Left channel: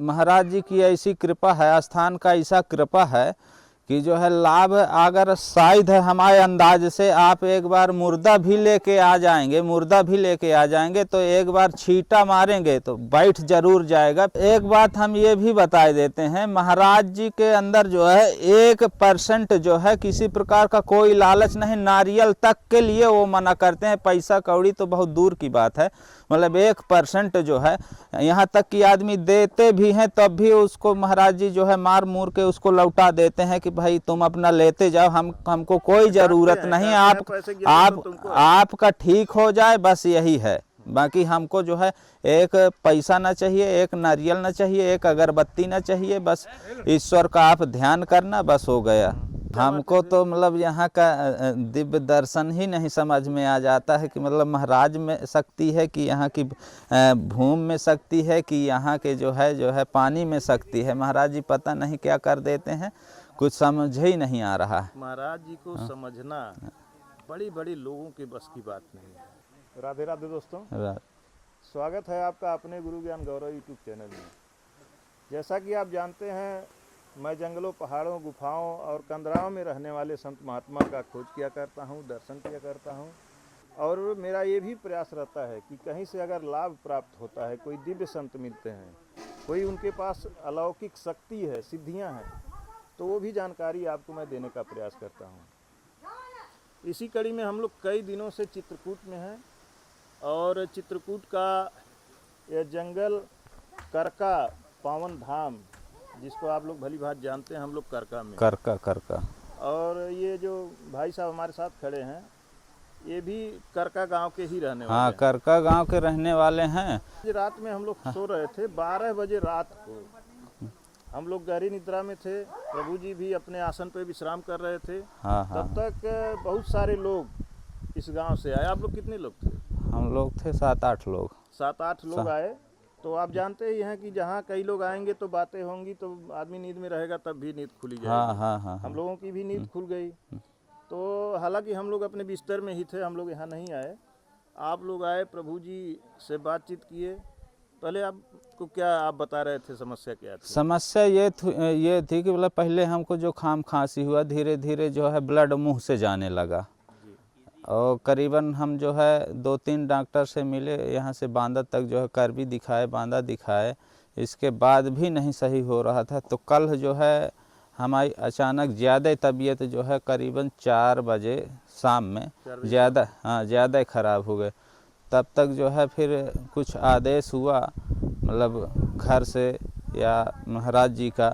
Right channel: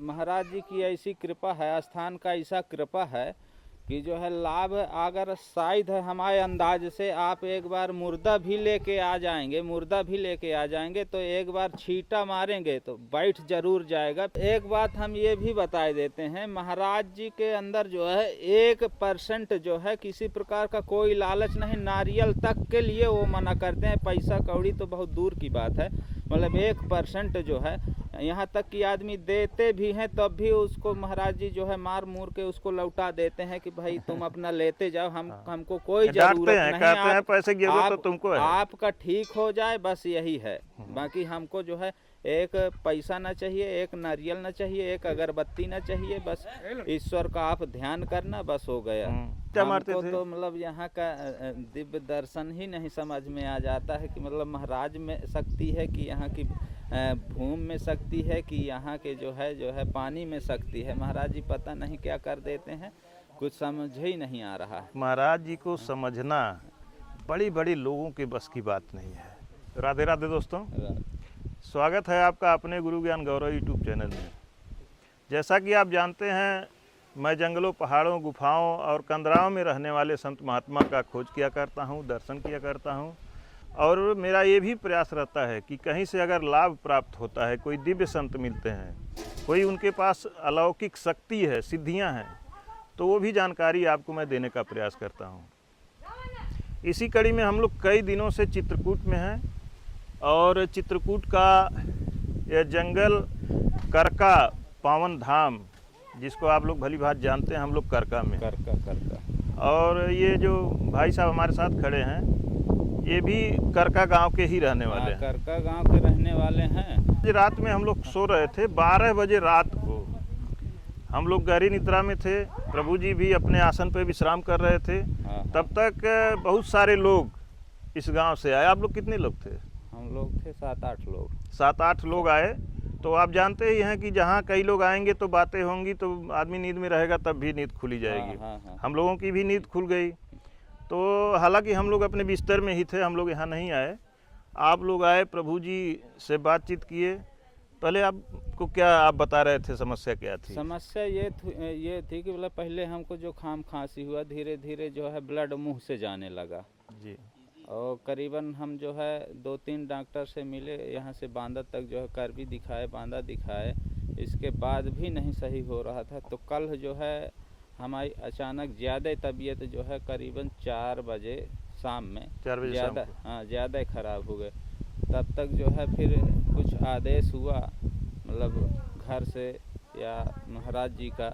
महाराज जी की ऐसी कृपा है, स्थान का ऐसा कृपा है कि जो है लाभ, अगर शायद है हमारे अंदाज से आप एक बार मुर्दा भी लेके आ जाएंगे तो एक बार छींटा मारेंगे तो बैठ जरूर जाएगा। एक बात हम ये भी बता देते हैं, महाराज जी के अंदर जो है 1% जो है किसी प्रकार का कोई लालच नहीं, नारियल तक के लिए वो मना करते हैं, पैसा कौड़ी तो बहुत दूर की बात है, मतलब 1% जो है, यहाँ तक कि आदमी देते भी हैं तब भी उसको महाराज जी जो है मार मूर के उसको लौटा देते हैं कि भाई तुम अपना लेते जाओ, हमको कोई जरूरत नहीं, आपका ठीक हो जाए बस यही है। बाकी हमको जो है एक पैसा ना चाहिए, एक नारियल ना चाहिए, एक अगरबत्ती ना चाहिए, बस ईश्वर का आप ध्यान करना, बस हो गया। हमको तो मतलब यहाँ का दिव्य दर्शन ही नहीं समझ में आ जाता है कि मतलब महाराज में शक्ति है कि यहाँ की भूमि में शक्ति है कि यहाँ के जो है पानी में शक्ति है। महाराज जी पता नहीं क्या कर देते हैं, कुछ समझ ही नहीं आ रहा। महाराज जी को समझना बड़ी बड़ी लोगों के बस की बात नहीं है। राधे राधे दोस्तों, स्वागत है आपका अपने गुरु ज्ञान गौरव यूट्यूब चैनल में। जैसा कि आप जानते हैं, मैं जंगलों, पहाड़ों, गुफाओं और कंदराओं में रहने वाले संत महात्मा का खोज किया करता हूं, दर्शन किया करता हूं, और मेरा ये भी प्रयास रहता है कि कहीं से अगर लाभ प्राप्त होता है, कोई दिव्य संत मिलते हैं, कोई उनके पास अलौकिक शक्ति है, सिद्धियां हैं, तो वो भी जानकारी आपको मैं देने का प्रयास करता हूँ। इसी कड़ी में हम लोग कई दिनों से चित्रकूट में हैं, और चित्रकूट का यह जंगल करका पावन धाम, जिसको आप लोग भली भांति जानते हैं, हम लोग करका में करका। और ये जो भाई साहब हमारे साथ खड़े हैं, ये भी करका गांव के ही रहने वाले हैं। करका गांव के रहने वाले हैं। रात में हम लोग सो रहे थे, 12 बजे रात को हम लोग गहरी निद्रा में थे। प्रभु जी भी अपने आसन पर विश्राम कर रहे थे। तब तक बहुत सारे लोग इस गांव से आए। आप लोग कितने लोग थे? हम लोग थे 7-8 लोग। 7-8 लोग आए। तो आप जानते ही हैं कि जहाँ कई लोग आएंगे तो बातें होंगी, तो आदमी नींद में रहेगा तब भी नींद खुली जाएगी। हम लोगों की भी नींद खुल गई। तो हालांकि हम लोग अपने बिस्तर में ही थे, हम लोग यहाँ नहीं आए। आप लोग आए, प्रभु जी से बातचीत किए। पहले आपको क्या, आप बता रहे थे समस्या क्या थी? समस्या ये थी कि मतलब पहले हमको जो खांसी हुआ, धीरे धीरे जो है ब्लड मुंह से जाने लगा जी। और करीबन हम जो है 2-3 डॉक्टर से मिले, यहाँ से बांदा तक जो है करबी दिखाए, बांदा दिखाए, इसके बाद भी नहीं सही हो रहा था। तो कल जो है हमारी अचानक ज़्यादा तबीयत जो है करीबन 4 बजे शाम में ज़्यादा ख़राब हो गए। तब तक जो है फिर कुछ आदेश हुआ, मतलब घर से या महाराज जी का,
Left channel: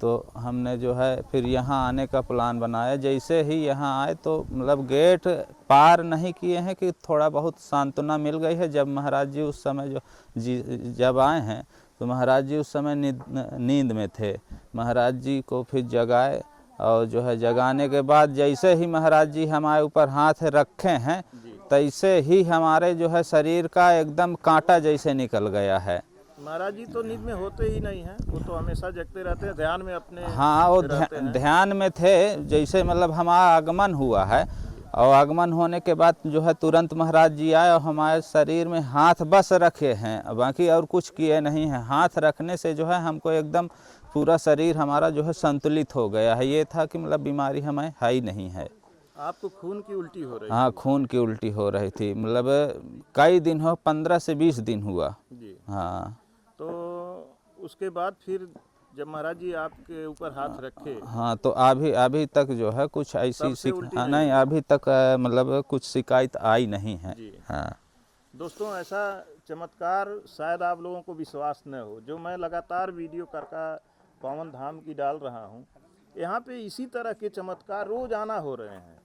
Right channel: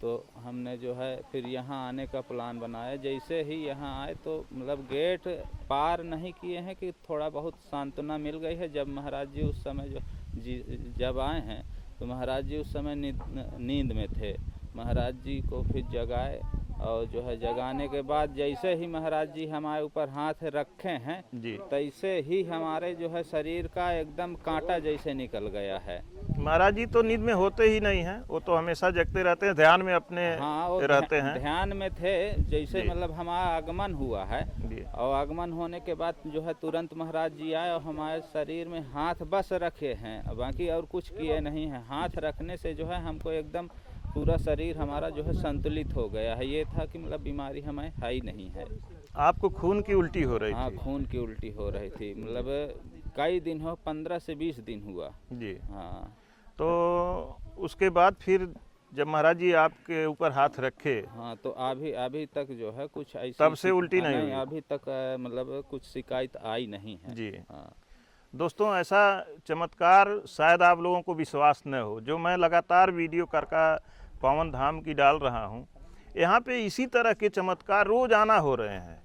तो हमने जो है फिर यहाँ आने का प्लान बनाया। जैसे ही यहाँ आए तो मतलब गेट पार नहीं किए हैं कि थोड़ा बहुत सांत्वना मिल गई है। जब महाराज जी उस समय जब आए हैं तो महाराज जी उस समय नींद में थे। महाराज जी को फिर जगाए, और जो है जगाने के बाद जैसे ही महाराज जी हमारे ऊपर हाथ रखे हैं, तैसे ही हमारे जो है शरीर का एकदम कांटा जैसे निकल गया है। महाराज जी तो नींद में होते ही नहीं हैं, वो तो हमेशा जगते रहते हैं, ध्यान में अपने वो ध्यान में थे। जैसे मतलब हमारा आगमन हुआ है, और आगमन होने के बाद जो है तुरंत महाराज जी आए और हमारे शरीर में हाथ बस रखे हैं, बाकी और कुछ किए नहीं हैं। हाथ रखने से जो है हमको एकदम पूरा शरीर हमारा जो है संतुलित हो गया है। ये था कि मतलब बीमारी हमें है ही नहीं है। आपको खून की उल्टी हो रही? हाँ, खून की उल्टी हो रही थी, मतलब कई दिन हो, 15 से 20 दिन हुआ जी। हाँ। तो उसके बाद फिर जब महाराज जी आपके ऊपर हाथ रखे, हाँ, तो अभी तक जो है कुछ ऐसी उल्टी नहीं, अभी तक मतलब कुछ शिकायत आई नहीं है जी। हाँ। दोस्तों, ऐसा चमत्कार शायद आप लोगों को विश्वास न हो, जो मैं लगातार वीडियो करका पावन धाम की डाल रहा हूँ। यहाँ पे इसी तरह के चमत्कार रोजाना हो रहे हैं।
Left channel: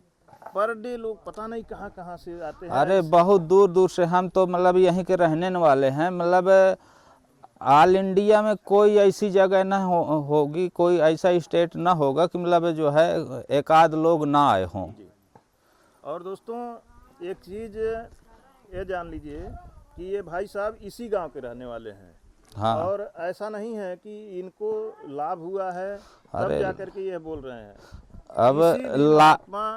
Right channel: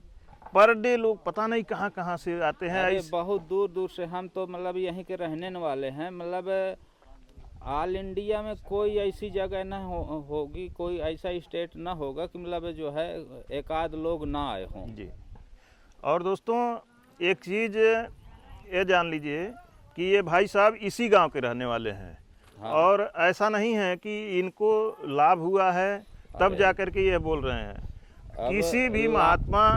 पर डे लोग पता नहीं कहाँ कहाँ से आते हैं। अरे बहुत दूर दूर से। हम तो मतलब यहीं के रहने वाले हैं, मतलब ऑल इंडिया में कोई ऐसी जगह ना होगी, कोई ऐसा स्टेट ना होगा कि मतलब जो है एक आध लोग ना आए हों जी। और दोस्तों, एक चीज़ ये जान लीजिए कि ये भाई साहब इसी गांव के रहने वाले हैं। हाँ। और ऐसा नहीं है कि इनको लाभ हुआ है तब जाकर के ये बोल रहे हैं। अब किसी भी महात्मा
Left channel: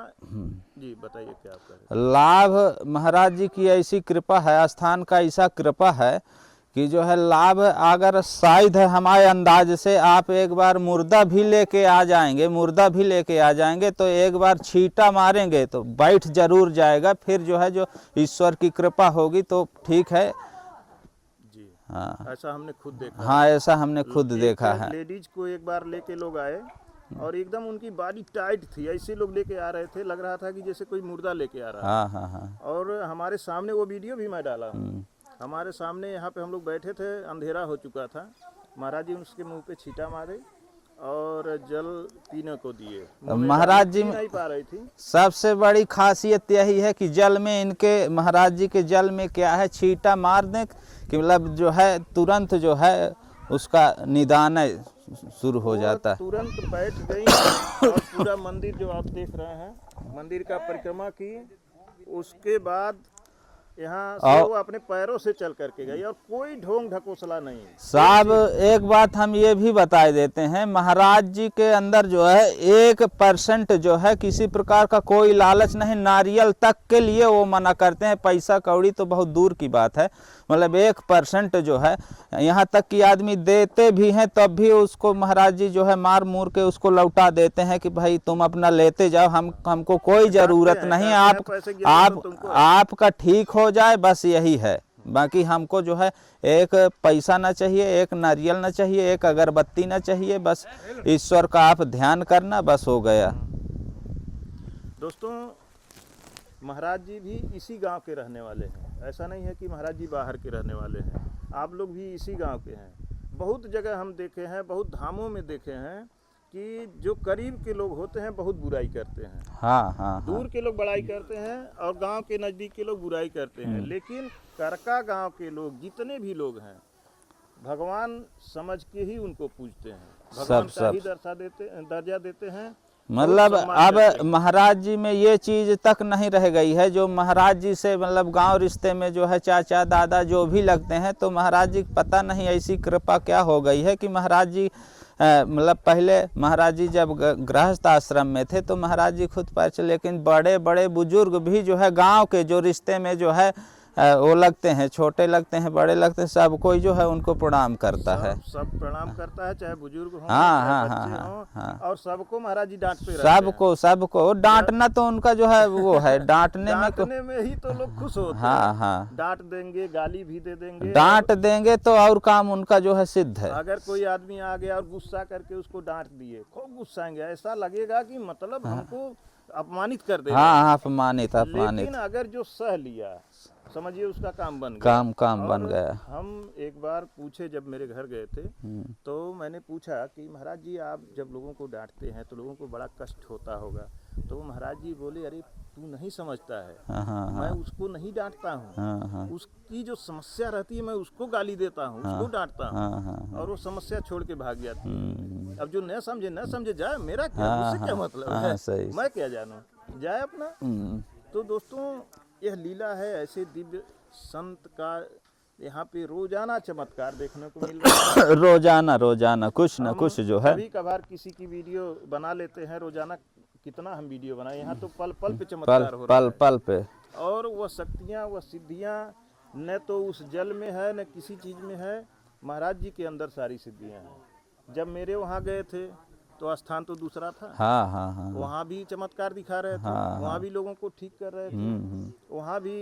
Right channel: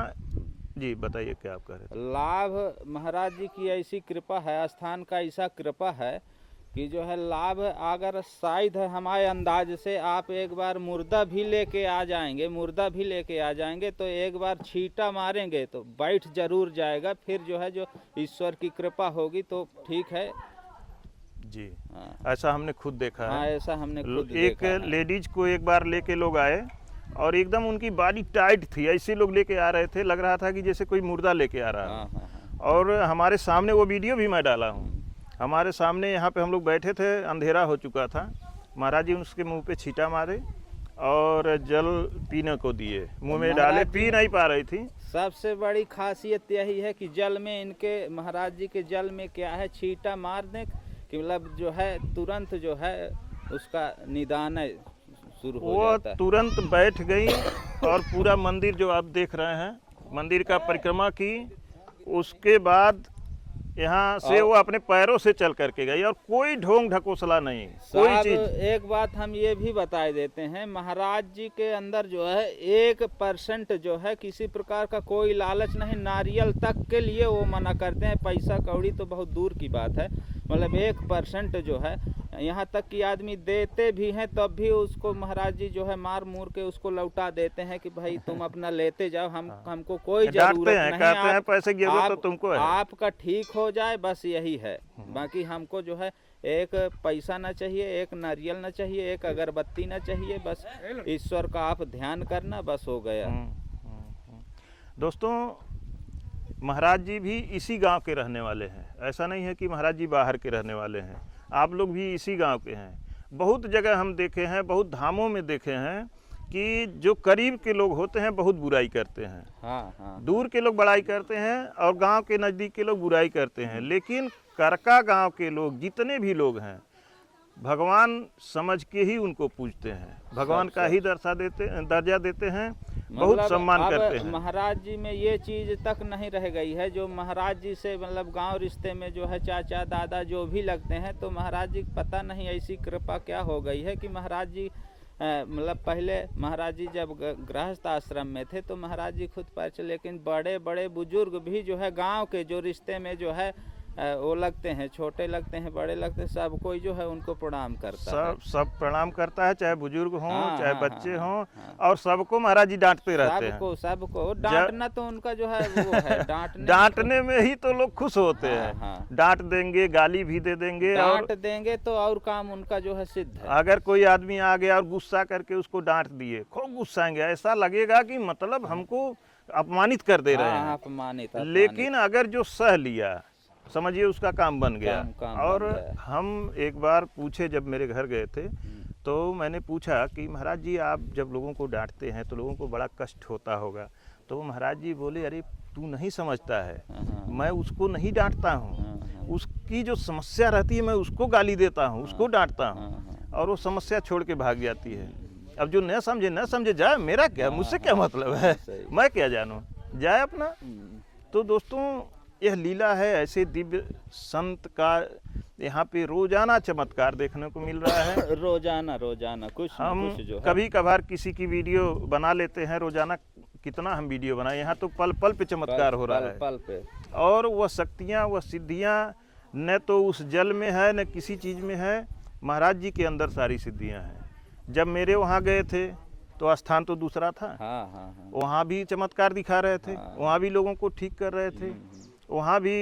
जी, बताइए क्या आप कह रहे हैं? लाभ महाराज जी की ऐसी कृपा है, स्थान का ऐसा कृपा है कि जो है लाभ अगर शायद है हमारे अंदाज से आप एक बार मुर्दा भी लेके आ जाएंगे तो एक बार छींटा मारेंगे तो बैठ जरूर जाएगा, फिर जो है जो ईश्वर की कृपा होगी तो ठीक है जी। हाँ। ऐसा हमने खुद देखा हाँ है। ऐसा हमने खुद देखा है। लेडीज को एक बार लेके लोग आए और एकदम उनकी बॉडी टाइट थी, ऐसे लोग लेके आ रहे थे, लग रहा था कि जैसे कोई मुर्दा लेके आ रहा है। हाँ हाँ हाँ। और हमारे सामने वो वीडियो भी मैं डाला हूँ, हमारे सामने यहाँ पे हम लोग बैठे थे, अंधेरा हो चुका था, महाराज जी उसके मुंह पे छींटा मारे और जल पीने को दिए, मुंह में महाराज डाले, पी नहीं पा रही थी। सबसे बड़ी खासियत यही है कि जल में इनके महाराज जी के जल में क्या है, छींटा मार दें कि मतलब जो है तुरंत जो है उसका निदान शुरू हो जाता है। तुरंत बैठ गई और पूरा मंदिर जो आप देख रहे हैं, मंदिर का परिक्रमा की, उसके बाद यहाँ से वो अपने पैरों से चल करके गई और कोई ढोंग ढकोसला नहीं। साहब एक बात हम ये भी बता देते हैं, महाराज जी के अंदर जो है 1% जो है किसी प्रकार का कोई लालच नहीं, नारियल तक के लिए वो मना करते हैं, पैसा कौड़ी तो बहुत दूर की बात है, मतलब 1% जो है, यहाँ तक कि आदमी देते भी हैं तब भी उसको महाराज जी जो है मार मूर के उसको लौटा देते हैं कि भाई तुम अपना लेते जाओ, हमको कोई जरूरत नहीं, आपका ठीक हो जाए बस यही है, बाकी हमको जो है एक पैसा ना चाहिए, एक नारियल ना चाहिए, एक अगरबत्ती ना चाहिए, बस ईश्वर का आप ध्यान करना, बस हो गया। दोस्तों महाराज जी भी इसी गांव के रहने वाले हैं, ऐसा नहीं है कि महाराज जी बाहर के रहने वाले हैं, आप लोग भी इसी गांव के हैं। बहुत जगह हम देखे हैं, बहुत धामों में देखे हैं कि जो करीब के लोग होते हैं बहुत बुराई करते हैं। हाँ हाँ। दूर के लोग बड़ाई करते हैं और गांव के नज़दीक के लोग बुराई करते हैं, लेकिन करका गांव के लोग जितने भी लोग हैं भगवान समझ के ही उनको पूजते हैं, भगवान का ही दर्जा देते हैं। मतलब अब महाराज जी में ये चीज तक नहीं रह गई है, जो महाराज जी से मतलब गांव रिश्ते में जो है चाचा दादा जो भी लगते हैं, तो महाराज जी पता नहीं ऐसी कृपा क्या हो गई है कि महाराज जी मतलब पहले महाराज जी जब गृहस्थ आश्रम में थे तो महाराज जी खुद पर चले, लेकिन बड़े बड़े बुजुर्ग भी जो है गांव के जो रिश्ते में जो है वो लगते हैं, छोटे लगते हैं बड़े लगते हैं, सब कोई जो है उनको प्रणाम करता है, सब प्रणाम करता है, चाहे बुजुर्ग हों चाहे बच्चे हों, और सबको महाराज जी डांटते रहते हैं। सबको डांटना तो उनका जो है वो है, डांटने में ही तो लोग खुश होते हैं। डांट देंगे, गाली भी दे देंगे, डांट देंगे तो और काम उनका जो है सिद्ध है। अगर कोई आदमी आ गया और गुस्सा करके उसको डांट दिए, खूब गुस्साएंगे, ऐसा लगेगा कि मतलब हमको अपमानित कर दे रहे हैं। अपमानित। लेकिन अगर जो सह लिया, समझिए उसका काम बन गया, काम बन गया। हम एक बार पूछे, जब मेरे घर गए थे तो मैंने पूछा कि महाराज जी आप जब लोगों को डांटते हैं तो लोगों को बड़ा कष्ट होता होगा, तो महाराज जी बोले अरे तू नहीं समझता है, मैं उसको नहीं डांटता हूँ, उसकी जो समस्या रहती है मैं उसको गाली देता हूँ, उसको डांटता हूँ और वो समस्या छोड़ के भाग जाती है। अब जो न समझे जाए, मेरा क्या, मुझसे क्या मतलब है, मैं क्या जानूँ, जाए अपना। तो दोस्तों यह लीला है, ऐसे दिव्य संत का यहाँ पे रोजाना चमत्कार देखने को मिल रहा है। रोजाना कुछ ना कुछ जो है, कभी कभार किसी की वीडियो बना लेते हैं, रोजाना कितना हम वीडियो बनाए, यहाँ तो पल पल पे चमत्कार हो रहा है, पल पे। और वह शक्तियाँ, वह सिद्धियाँ न तो उस जल में है न किसी चीज में है, महाराज जी के अंदर सारी सिद्धियाँ हैं। जब मेरे वहाँ गए थे तो स्थान तो दूसरा था, वहाँ भी चमत्कार दिखा रहे थे, वहाँ भी लोगों को ठीक कर रहे थे, वहाँ भी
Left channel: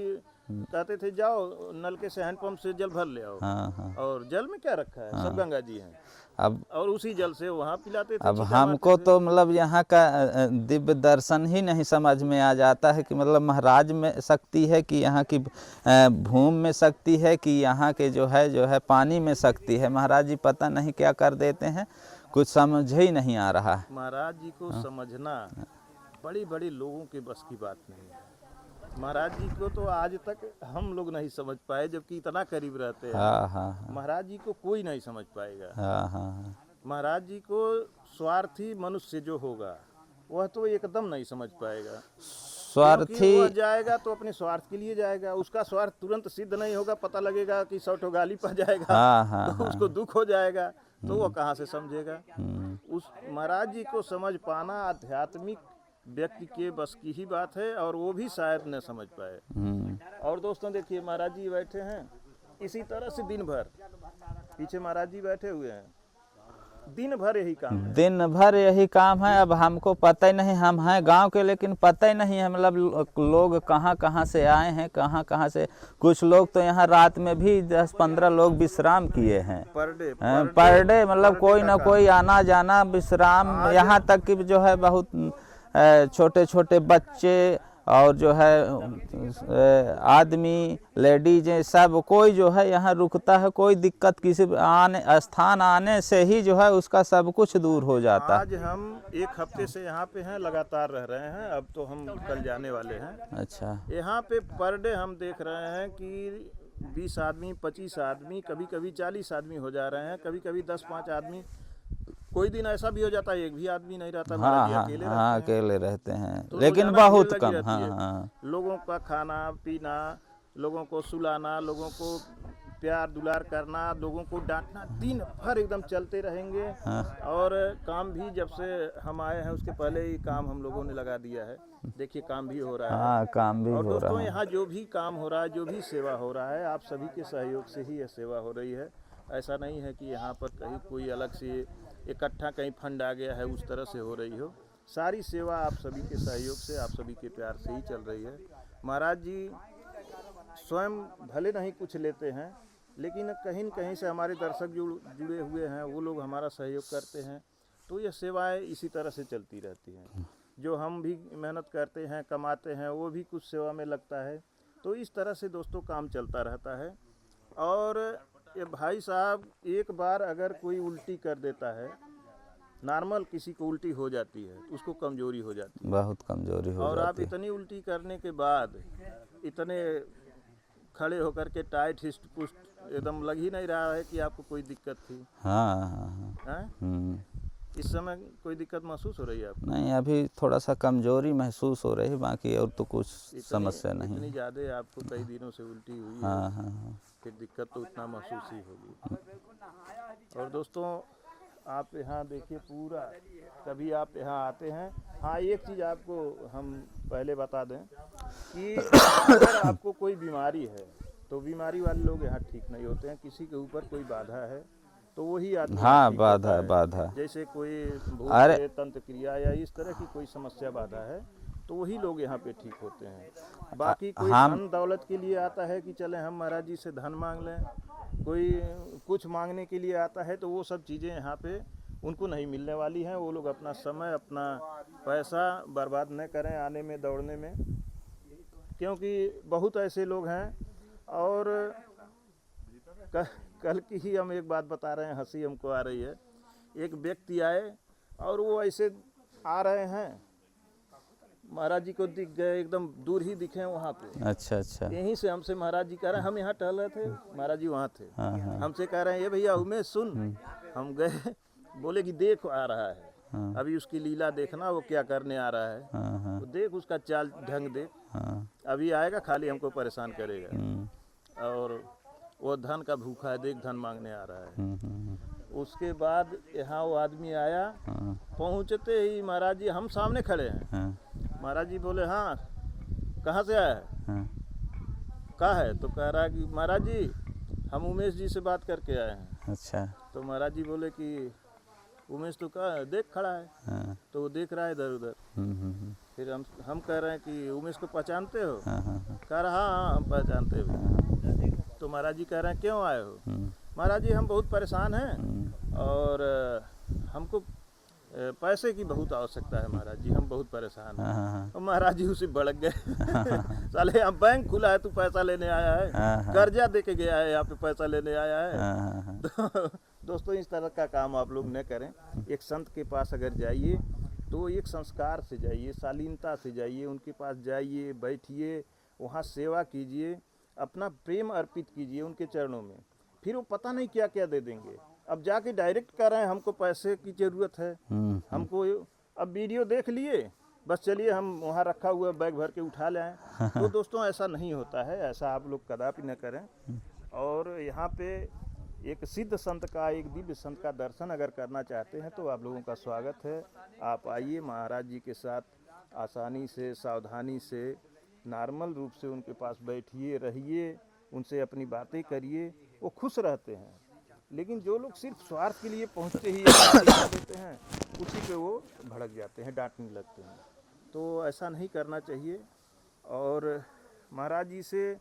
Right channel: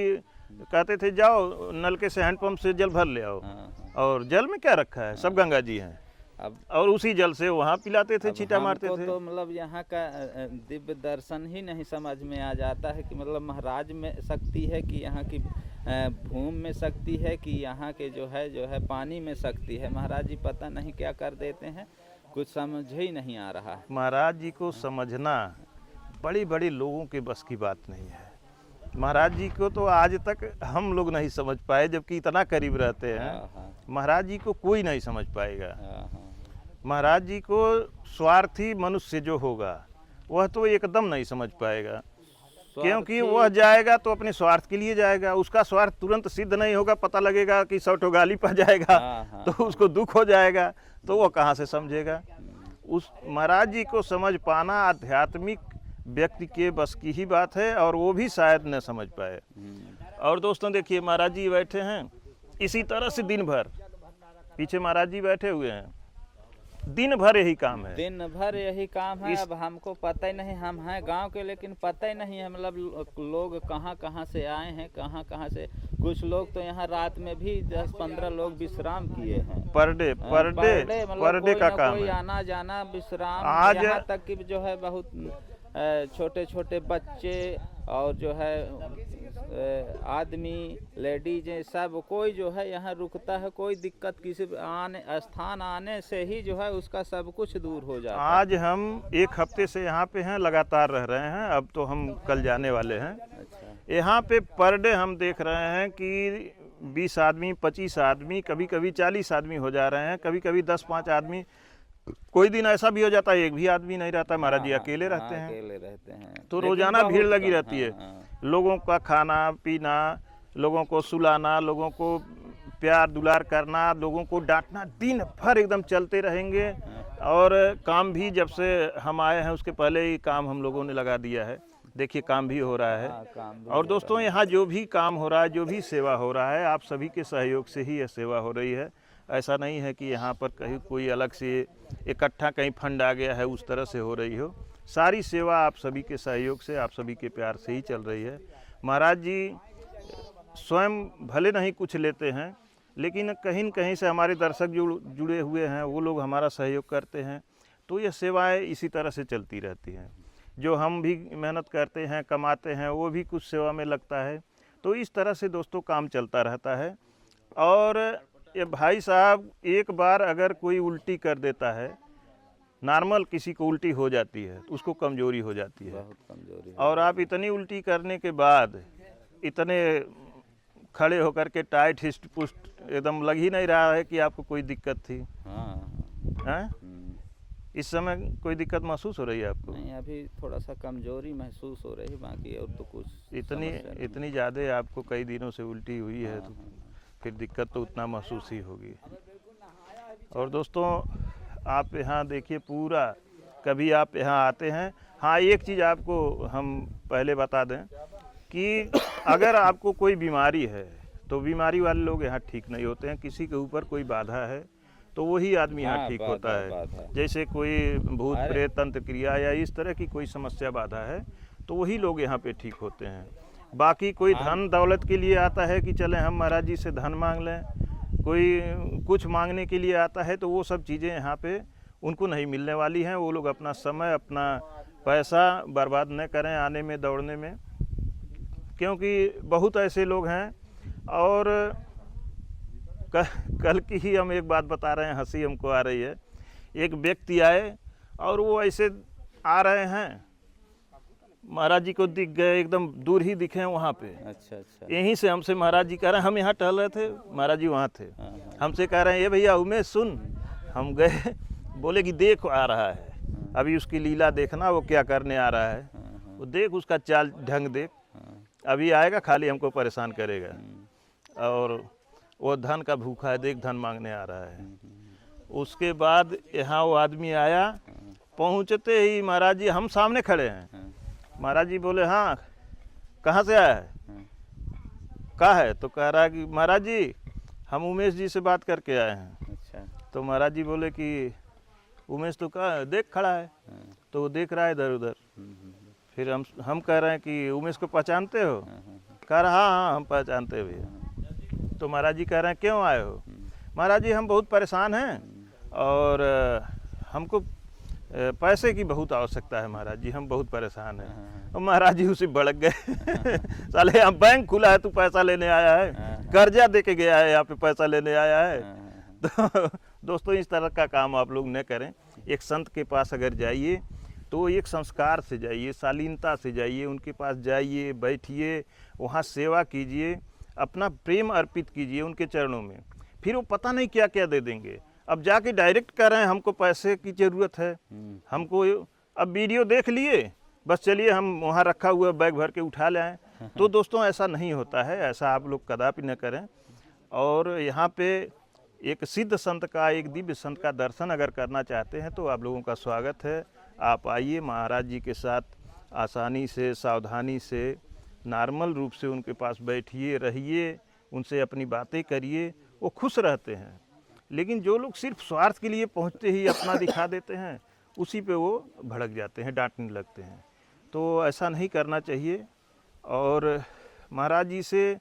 कहते थे जाओ नल के से हैंडपंप से जल भर ले आओ, और जल में क्या रखा है, सब गंगा जी हैं, अब और उसी जल से वहाँ पिलाते थे। अब हमको तो मतलब यहाँ का दिव्य दर्शन ही नहीं समझ में आ जाता है कि मतलब महाराज में शक्ति है कि यहाँ की भूमि में शक्ति है कि यहाँ के जो है पानी में शक्ति है। महाराज जी पता नहीं क्या कर देते हैं, कुछ समझ ही नहीं आ रहा है। महाराज जी को समझना बड़ी बड़ी लोगों के बस की बात नहीं है। महाराज जी को तो आज तक हम लोग नहीं समझ पाए, जबकि इतना करीब रहते हैं। महाराज जी को कोई नहीं समझ पाएगा। महाराज जी को स्वार्थी मनुष्य जो होगा वह तो एकदम नहीं समझ पाएगा, क्योंकि वह जाएगा तो अपने स्वार्थ के लिए जाएगा, उसका स्वार्थ तुरंत सिद्ध नहीं होगा, पता लगेगा कि 100 ठो गाली पा जाएगा तो उसको दुख हो जाएगा, तो वह कहाँ से समझेगा। उस महाराज जी को समझ पाना आध्यात्मिक व्यक्ति के बस की ही बात है, और वो भी शायद न समझ पाए। और दोस्तों देखिए महाराज जी बैठे हैं इसी तरह से दिन भर, पीछे महाराज जी बैठे हुए हैं, दिन भर यही काम है। दिन भर यही काम है। अब हमको पता ही नहीं, हम हैं गांव के लेकिन पता ही नहीं है मतलब लोग कहाँ कहाँ से आए हैं, कहाँ कहाँ से। कुछ लोग तो यहाँ रात में भी 10-15 लोग विश्राम किए हैं पर डे मतलब कोई ना कोई आना जाना विश्राम। यहाँ तक कि जो है बहुत छोटे छोटे बच्चे और जो है आदमी लेडीज सब कोई जो है यहाँ रुकता है। कोई दिक्कत किसी स्थान आने से ही जो है उसका सब कुछ दूर हो जाता है। आज हम 1 हफ्ते से यहाँ पे हैं, लगातार रह रहे हैं। अब तो हम कल जाने वाले हैं। अच्छा। यहाँ पे पर डे हम देख रहे हैं कि 20 आदमी, 25 आदमी, कभी कभी 40 आदमी हो जा रहे हैं, कभी कभी 10-5 आदमी। कोई दिन ऐसा भी हो जाता है 1 भी आदमी नहीं रहता। महाराज जी अकेले रहते हैं। अकेले रहते हैं तो लेकिन रोजाना भीड़ बहुत लगी कम, रहती है। लोगों का खाना पीना, लोगों को सुलाना, लोगों को प्यार दुलार करना, लोगों को डांटना, दिन भर एकदम चलते रहेंगे। और काम भी जब से हम आए हैं उसके पहले ही काम हम लोगों ने लगा दिया है। देखिए काम भी हो रहा है। काम भी और हो दोस्तों रहा है। यहाँ जो भी काम हो रहा है, जो भी सेवा हो रहा है, आप सभी के सहयोग से ही यह सेवा हो रही है। ऐसा नहीं है कि यहाँ पर कहीं कोई अलग से इकट्ठा कहीं फंड आ गया है, उस तरह से हो रही हो। सारी सेवा आप सभी के सहयोग से, आप सभी के प्यार से ही चल रही है। महाराज जी स्वयं भले नहीं कुछ लेते हैं, लेकिन कहीं न कहीं से हमारे दर्शक जुड़े हुए हैं, वो लोग हमारा सहयोग करते हैं। तो ये सेवाएं इसी तरह से चलती रहती हैं। जो हम भी मेहनत करते हैं, कमाते हैं, वो भी कुछ सेवा में लगता है। तो इस तरह से दोस्तों काम चलता रहता है। और ये भाई साहब, एक बार अगर कोई उल्टी कर देता है, नॉर्मल किसी को उल्टी हो जाती है तो उसको कमजोरी हो जाती है, बहुत कमजोरी हो और जाती आप इतनी उल्टी करने के बाद इतने खड़े होकर के टाइट हिस्ट पुस्ट एकदम लग ही नहीं रहा है कि आपको कोई दिक्कत थी। हैं? इस समय कोई दिक्कत महसूस हो रही है आपको? नहीं, अभी थोड़ा सा कमजोरी महसूस हो रही है, बाकी और तो कुछ समस्या नहीं। इतनी ज़्यादा आपको कई दिनों से उल्टी हुई है। फिर दिक्कत तो उतना महसूस ही होगी। और दोस्तों आप यहाँ देखिए पूरा, कभी आप यहाँ आते हैं। हाँ, एक चीज़ आपको हम पहले बता दें कि अगर आपको कोई बीमारी है तो बीमारी वाले लोग यहाँ ठीक नहीं होते हैं। किसी के ऊपर कोई बाधा है तो वही आदमी यहाँ ठीक होता है। बाधा जैसे कोई भूत प्रेत तंत्र क्रिया या इस तरह की कोई समस्या बाधा है तो वही लोग यहाँ पे ठीक होते हैं। बाकी कोई धन दौलत के लिए आता है कि चले हम महाराज जी से धन मांग लें, कोई कुछ मांगने के लिए आता है, तो वो सब चीज़ें यहाँ पे उनको नहीं मिलने वाली हैं। वो लोग अपना समय, अपना पैसा बर्बाद न करें आने में, दौड़ने में, क्योंकि बहुत ऐसे लोग हैं। और कल की ही हम एक बात बता रहे हैं, हंसी हमको आ रही है। एक व्यक्ति आए और वो ऐसे आ रहे हैं, महाराज जी को दिख गए, एकदम दूर ही दिखे वहाँ पे। अच्छा। यहीं से हमसे महाराज जी कह रहे हैं, हम यहाँ टहल रहे थे, महाराज जी वहाँ थे। हमसे कह रहे हैं, ये भैया उमेश सुन। हम गए, बोले कि देख आ रहा है, अभी उसकी लीला देखना, वो क्या करने आ रहा है। तो देख उसका चाल ढंग देख, अभी आएगा खाली हमको परेशान करेगा। और वो धन का भूखा है, देख धन मांगने आ रहा है। उसके बाद यहाँ वो आदमी आया, पहुँचते ही महाराज जी हम सामने खड़े हैं। महाराज जी बोले, हाँ कहाँ से आया है? कहाँ है? तो कह रहा है कि महाराज जी हम उमेश जी से बात करके आए हैं। अच्छा। तो महाराज जी बोले कि उमेश तो कहाँ है? देख खड़ा है। तो वो देख रहा है इधर उधर। फिर हम कह रहे हैं कि उमेश को पहचानते हो? कह रहा हाँ हम पहचानते भी। तो महाराज जी कह रहे हैं क्यों आए हो? महाराज जी हम बहुत परेशान हैं और हमको पैसे की बहुत आवश्यकता है महाराज जी, हम बहुत परेशान हैं। और महाराज जी उसे भड़क गए। साले यहाँ बैंक खुला है, तू पैसा लेने आया है? कर्जा दे के गया है, यहाँ पे पैसा लेने आया है? तो दोस्तों इस तरह का काम आप लोग न करें। एक संत के पास अगर जाइए तो एक संस्कार से जाइए, शालीनता से जाइए, उनके पास जाइए, बैठिए, वहाँ सेवा कीजिए, अपना प्रेम अर्पित कीजिए उनके चरणों में। फिर वो पता नहीं क्या क्या दे देंगे। अब जाके डायरेक्ट कर रहे हैं हमको पैसे की ज़रूरत है, हमको अब वीडियो देख लिए, बस चलिए हम वहाँ रखा हुआ बैग भर के उठा ले आए। तो दोस्तों ऐसा नहीं होता है, ऐसा आप लोग कदापि न करें। और यहाँ पे एक सिद्ध संत का, एक दिव्य संत का दर्शन अगर करना चाहते हैं तो आप लोगों का स्वागत है। आप आइए, महाराज जी के साथ आसानी से, सावधानी से, नॉर्मल रूप से उनके पास बैठिए, रहिए, उनसे अपनी बातें करिए, वो खुश रहते हैं। लेकिन जो लोग सिर्फ स्वार्थ के लिए पहुंचते ही अपना दिखा देते हैं, उसी पे वो भड़क जाते हैं, डांटने लगते हैं। तो ऐसा नहीं करना चाहिए और महाराज जी से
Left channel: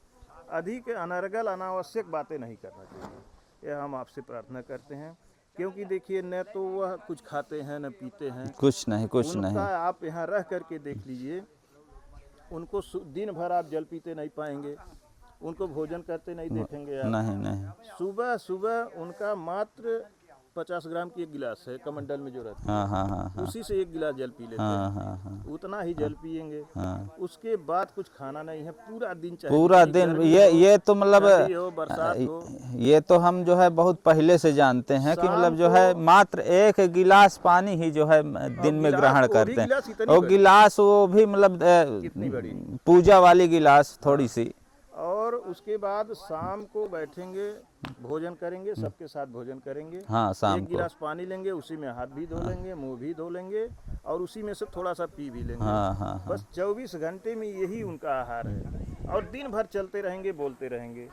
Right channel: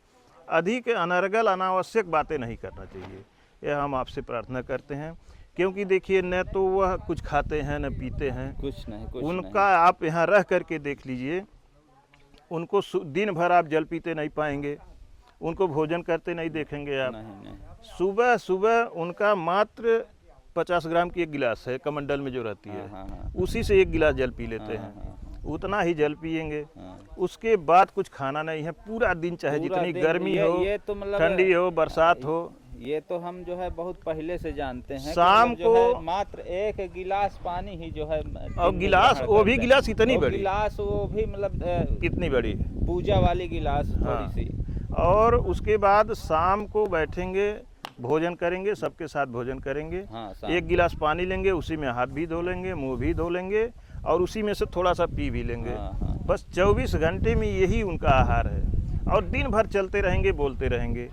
अधिक अनर्गल अनावश्यक बातें नहीं करना चाहिए, यह हम आपसे प्रार्थना करते हैं। क्योंकि देखिए, न तो वह कुछ खाते हैं न पीते हैं, कुछ नहीं, कुछ नहीं। उनका आप यहाँ रह करके देख लीजिए, उनको दिन भर आप जल पीते नहीं पाएंगे, उनको भोजन करते नहीं देखेंगे आप। नहीं नहीं। सुबह सुबह उनका मात्र 50 ग्राम की एक गिलास है कमंडल में जो रहती है, हाँ। उसी से एक गिलास जल पी लेते हैं। हाँ। उतना ही जल पिएंगे। हाँ। उसके बाद कुछ खाना नहीं है पूरा दिन, चाहे पूरा जितनी दिन। गर्मी ये तो मतलब ठंडी हो, बरसात हो, ये तो हम जो है बहुत पहले से जानते हैं कि मतलब जो है मात्र 1 गिलास पानी ही जो है दिन में ग्रहण करते हैं। गिलास इतनी वो बड़ी, गिलास वो भी मतलब कितनी बड़ी पूजा वाली गिलास थोड़ी सी। और उसके बाद शाम को बैठेंगे, भोजन करेंगे, सबके साथ भोजन करेंगे। हाँ, शाम एक को। गिलास पानी लेंगे, उसी में हाथ भी धो लेंगे, मुंह भी धो लेंगे और उसी में से थोड़ा सा पी भी लेंगे। हाँ। बस 24 घंटे में यही उनका आहार है और दिन भर चलते रहेंगे, बोलते रहेंगे।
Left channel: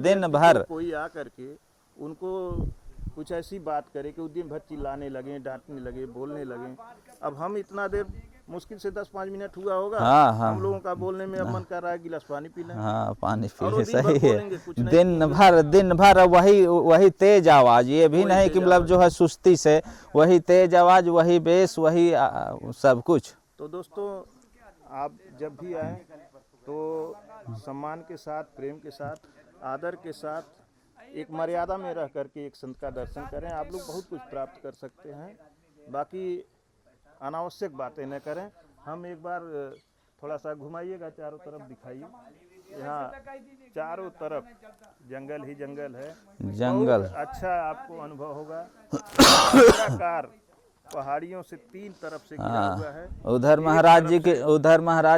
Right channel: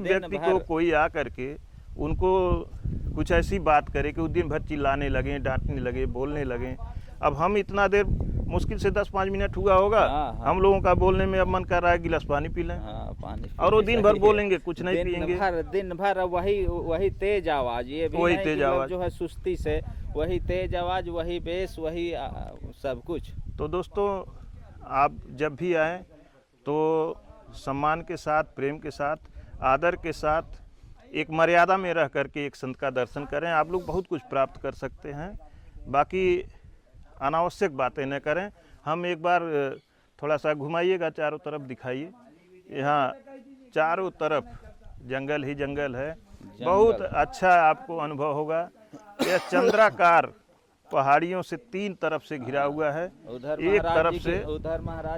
दिन भर कोई आ करके उनको कुछ ऐसी बात करे कि वो दिन भर चिल्लाने लगे, डांटने लगे, बोलने लगे। अब हम इतना देर, मुश्किल से 10-5 मिनट हुआ होगा, हाँ। हम लोगों का बोलने में अब मन कर रहा है गिलास पानी पी लें। हाँ, पानी और वो दिन भर बोलेंगे, कुछ नहीं पिएंगे। दिन भर वही तेज आवाज, ये भी नहीं कि मतलब जो है सुस्ती से, वही तेज आवाज, वही बेस, वही सब कुछ। तो दोस्तों, आप जब भी आए तो सम्मान के साथ, प्रेम के साथ, आदर के साथ, एक मर्यादा में रह करके एक संत का दर्शन करें। आप लोग बहुत कुछ प्राप्त कर सकते हैं। बाकी अनावश्यक बातें न करें। हम एक बार थोड़ा सा घुमाइएगा, चारों तरफ दिखाइए। यहाँ चारों तरफ जंगल ही जंगल है, बहुत अच्छा आपको अनुभव होगा। चंद्राकार पहाड़ियों से 3 तरफ से घिरा हुआ है। उधर महाराज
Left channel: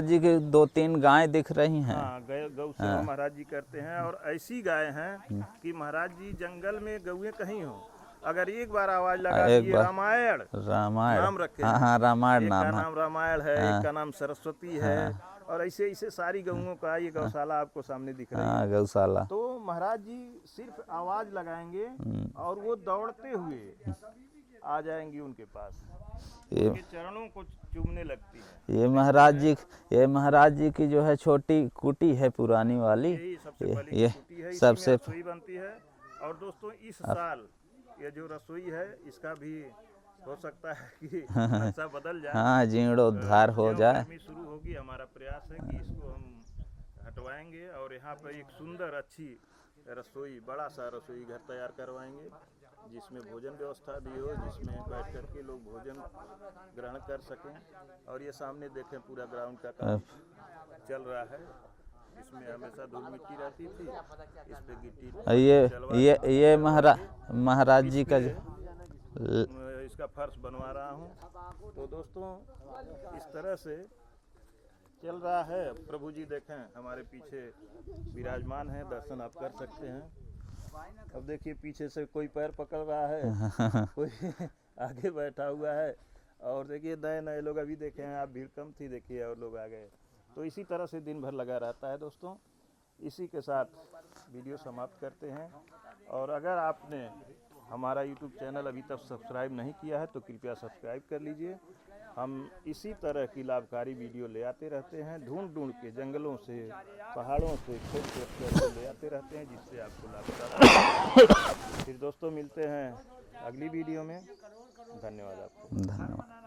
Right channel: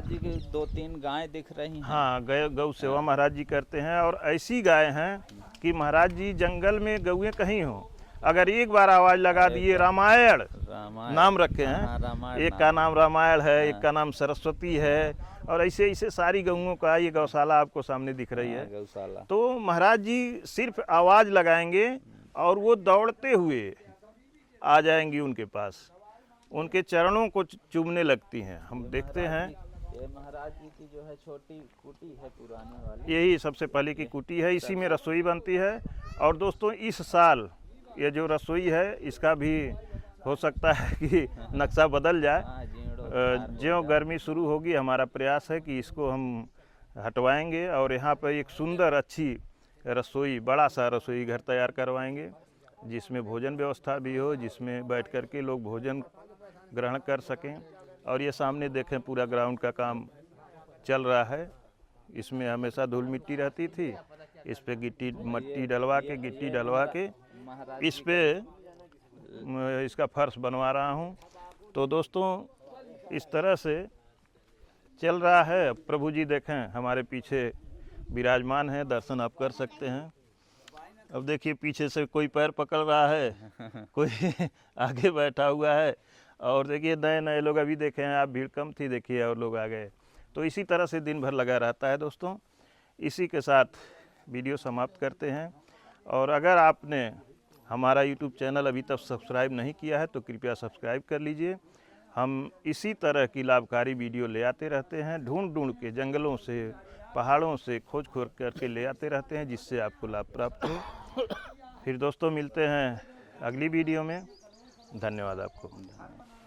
जी के 2-3 गाय दिख रही हैं। हाँ, गौ सेवा महाराज जी करते हैं और ऐसी गाय हैं कि महाराज जी जंगल में गौएं कहीं हो, अगर एक बार आवाज लगा दिए रामायण नाम रखे हैं। हाँ, रामायण। एक का नाम रामायण है, एक का नाम सरस्वती है, और ऐसे ऐसे सारी गौओं का ये गौशाला आपको सामने दिख रही है, गौशाला। तो महाराज जी सिर्फ आवाज लगाएंगे और वो दौड़ते हुए आ जाएंगी उनके पास, उनके चरणों को चूमने लगती हैं। ये महाराज जी की जो है छोटी कुटी है पुरानी वाली, यही सबसे पहले की कुटी है, इसी में रसोई बनती है। और दोस्तों, इस साल ये जो रसोई है, इसका भी हो सकता है कि नक्शा बदल जाए। हाँ, जीर्णोद्धार हो जाए। गर्मी शुरू होगी, हमारा प्रयास है कि इसको हम हटवाएंगे और यहाँ पर एक सुंदर अच्छी रसोई, बड़ा सा रसोई घर तैयार करवाएंगे, जिसमें भोजन व्यवस्था भी हो, जिसमें बैठ कर के लोग भोजन ग्रहण कर सकें। और ये सामने देखें, पूरा ग्राउंड का काम चल रहा है। इसमें हमेशा धूल मिट्टी रहती थी, इस पे गिट्टी डलवा के महाराज जी का इसका फर्श बनवा रहा हूँ। तो दोस्तों, इस तरह से चल रहा है। प्रभु जी देखें हमारे पीछे विराजमान है, दर्शन आप कर सकते हैं। अब देखिए, पीछे से कोई पैर पकड़ रहा है, कोई आगे बैठा हुआ है, और देखिए नए नए लोग अभी देखे हैं आप, भीड़ कम थी, देखिए और लोग आ गए। तो इसी तरह से दिन भर लगा रहता है दोस्तों। इसी के साथ वीडियो समाप्त करते हैं। और अगर आपने हमारा YouTube चैनल अभी तक सब्सक्राइब नहीं किया है तो कृपया सब्सक्राइब कर लीजिए। हम इसी तरह की लाभकारी वीडियो ले आते रहते हैं, ढूंढ के जंगलों से, पहाड़ों से खोज करके ले आते रहते हैं, जिससे आपको लाभ प्राप्त हो। फिर दोस्तों, मिलते हैं अगली वीडियो में। धन्यवाद आपको। धन्यवाद।